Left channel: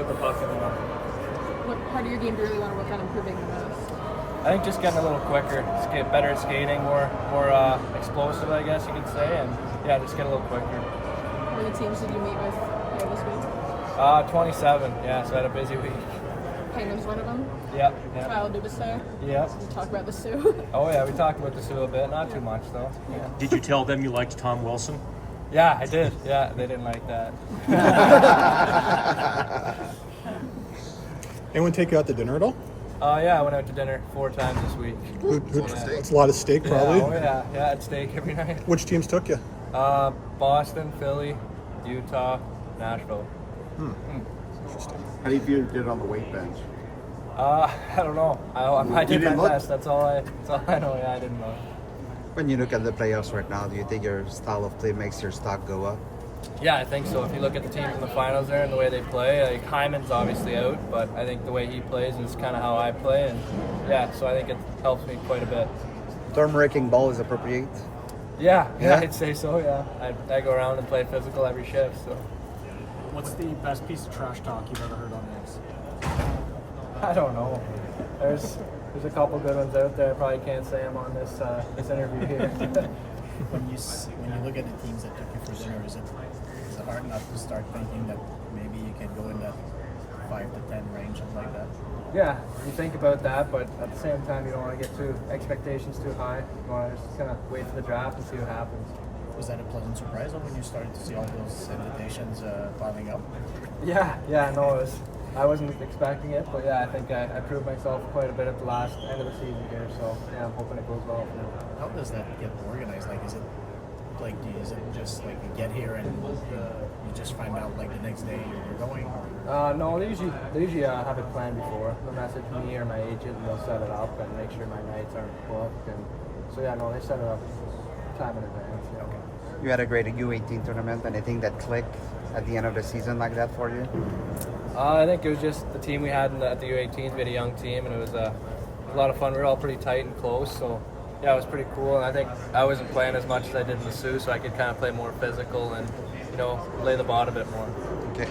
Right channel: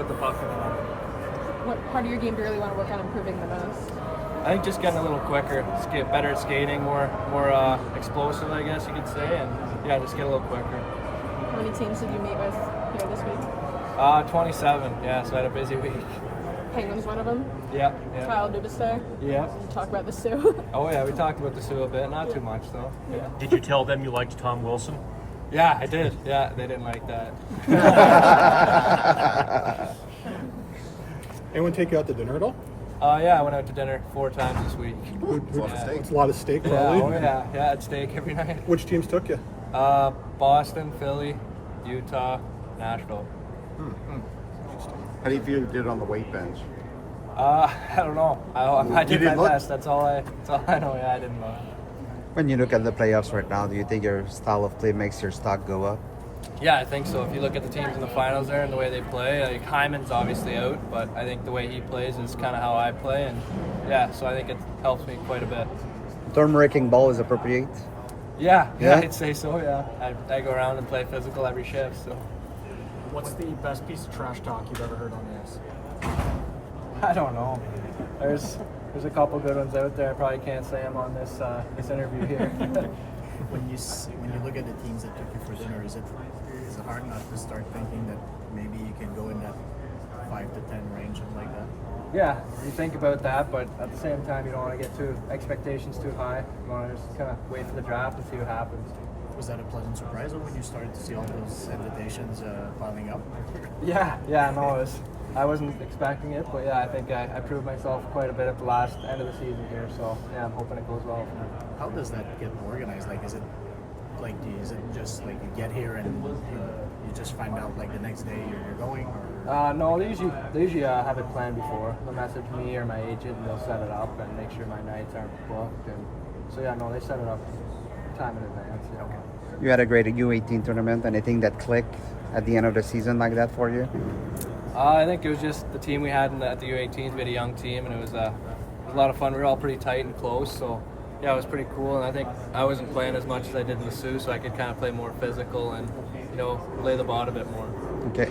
put the puck in the net. What part of your game do you really want to work on improving the most? I think just getting a little quicker, get better at skating, more explosive, I guess you could say, and yeah, just get a little quicker. How many teams did you meet with here this week? 27. Yeah, so I had a busy week. Painter's one of them. Yeah. Trial do the Sioux. Yeah. Talk about the Sioux. Oh yeah, we talked about the Sioux a bit, not too much though. Yeah. Did you tell them you liked Tom Wilson? Yeah, I did. Yeah, they didn't like that. Anyone take you out to dinner at all? Yeah, I went out to dinner 4 times this week. It's a lot of steak, Yeah, probably. yeah, I had steak every night. Which teams took you? Boston, Philly, Utah, Nashville. How do you feel you did on the weight bench? I don't know. I did my best. That's all I know. Yeah, I didn't know. When you look at the playoffs right now, do you think your style of play makes your stock go up? Yeah, I think so. If you look at the teams in the finals there and the way they play, like Hyman's obviously out, but I think the way he plays is kind of how I play, and yeah, so I think it helps me quite a bit. Turn-breaking ball is appropriate. Yeah, I'd say so. Yeah, I go around and play physical every shift. So What's the best piece of trash talk you've ever heard on the ice? I don't know. There's a couple good ones out there. I probably can't say them on this interview here. When you look at the teams that took you for dinner, is it hard enough to start thinking that maybe you can go in that 5 to 10 range, something like that? Yeah, you think about that, but at the same time, you don't want to get expectations too high. You want to just kind of wait for the draft and see what happens. Was that a pleasant surprise when you started to see all those invitations piling up? Yeah, no, I wasn't expecting it, but yeah, I think I proved myself quite a bit at the end of the season here, so yeah, I'm hoping it goes well for me. How does that get organized? Like, is it just like you get here and you just find out like the next day you're going? No, they usually have it planned before. They'll message me or my agent and they'll set it up and make sure my nights aren't booked. And so yeah, no, they set it up time in advance. Yeah. Okay. You had a great U18 tournament, and I think that clicked at the end of the season like that for you? I think it was just the team we had at the U18s. We had a young team, and it was a lot of fun. We were all pretty tight and close, so yeah, it was pretty cool. And I think I wasn't playing as much as I did in the Sioux, so I could kind of play more physical and lay the ball a bit more. Okay.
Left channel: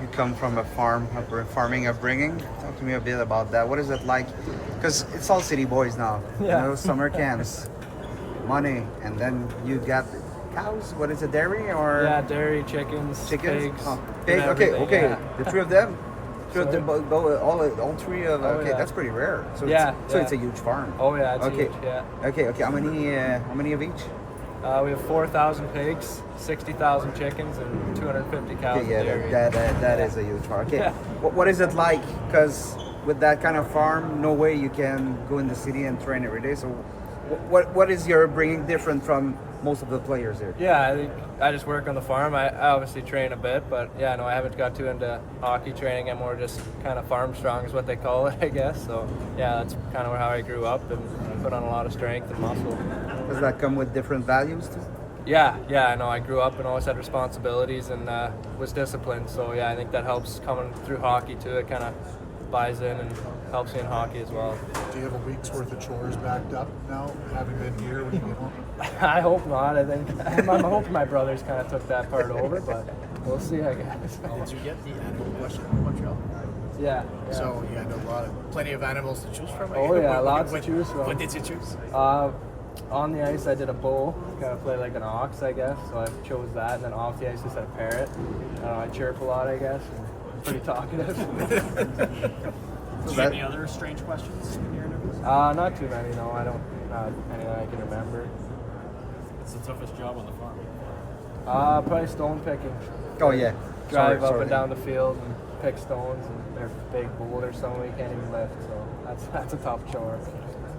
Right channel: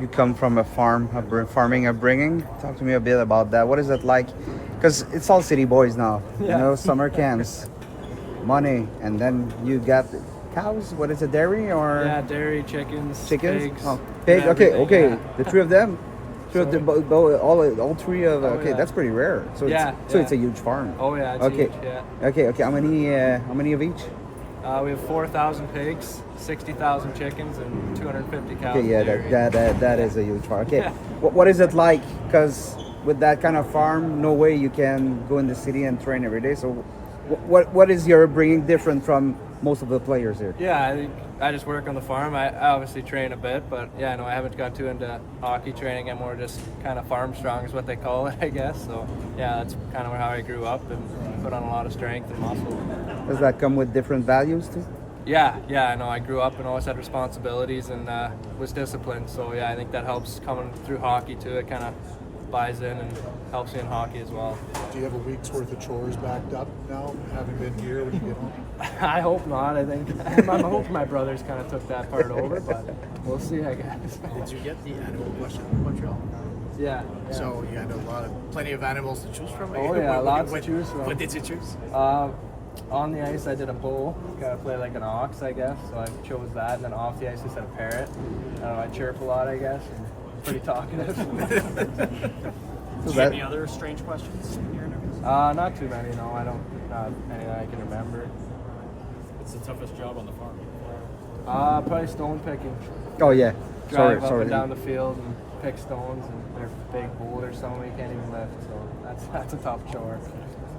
You come from a farming upbringing. Talk to me a bit about that. What is it like? Because it's all city boys now. Yeah. Summer camps, money, and then you got cows. What is it, dairy or? Yeah, dairy, chickens, pigs. Oh, pig. Okay. Yeah. The 3 of them. All 3 of. Okay, yeah. That's pretty rare. So Yeah, so yeah. it's a huge farm. Oh yeah, it's Okay. huge. Yeah. Okay. How many of each? We have 4,000 pigs, 60,000 chickens, and 250 cows. Okay, in dairy. that is a huge farm. Okay. Yeah. What is it like? Because with that kind of farm, no way you can go in the city and train every day. So, what is your bringing different from most of the players here? Yeah, I think I just work on the farm. I obviously train a bit, but yeah, no, I haven't got too into hockey training. I'm more just kind of farm strong is what they call it, I guess. So yeah, that's kind of how I grew up and put on a lot of strength and muscle. Does that come with different values too? Yeah, I know. I grew up and always had responsibilities and was disciplined. So yeah, I think that helps coming through hockey too. It kind of buys in and helps me in hockey as well. Do you have a week's worth of chores backed up now, having been here when you get home? I hope not. I think I'm hoping my brothers kind of took that part over, but we'll see, I guess. Did you get the animal question in Montreal? Yeah. So you had plenty of animals to choose from? Oh yeah, lots to choose from. What did you choose? On the ice, I did a bull, kind of play like an ox, I guess. So I chose that, and then off the ice, I said a parrot. I don't know. I chirp a lot, I guess. And pretty talkative. Do you have any other strange questions in your interviews? Not too many. No, I don't. Not any that I can remember. What's the toughest job on the farm? Probably stone picking. Oh yeah. Drive up and down the field and pick stones, and they're big boulders, some we can't even lift. So that's a tough chore.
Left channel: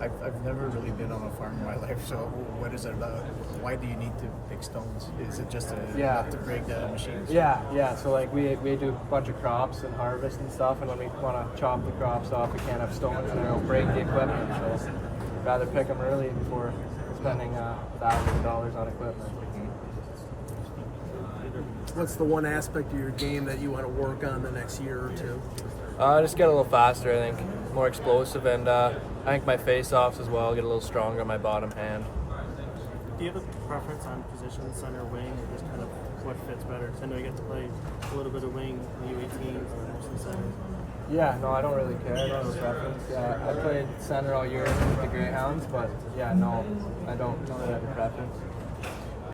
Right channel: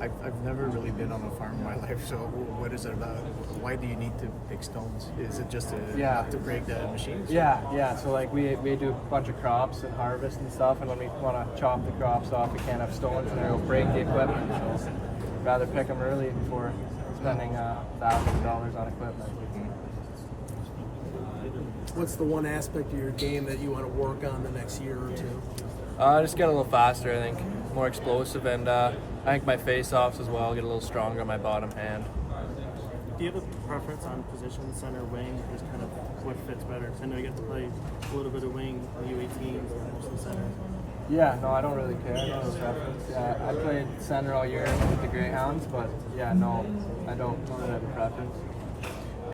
I've never really been on a farm in my life, so what is it about? Why do you need to pick stones? Is it just not to break the machines? Yeah. So like we do a bunch of crops and harvest and stuff, and when we want to chop the crops off, we can't have stones in there. It'll break the equipment. So I'd rather pick them early before spending thousands of dollars on equipment. What's the one aspect of your game that you want to work on the next year or two? Just get a little faster, I think, more explosive, and I think my face-offs as well, get a little stronger on my bottom hand. Do you have a preference on position, center, wing, or just kind of what fits better? 'Cause I know you get to play a little bit of wing in the U18s and mostly center. Yeah, no, I don't really care. I don't have a preference. Yeah, I played center all year with the Greyhounds, but yeah, no, I don't really have a preference.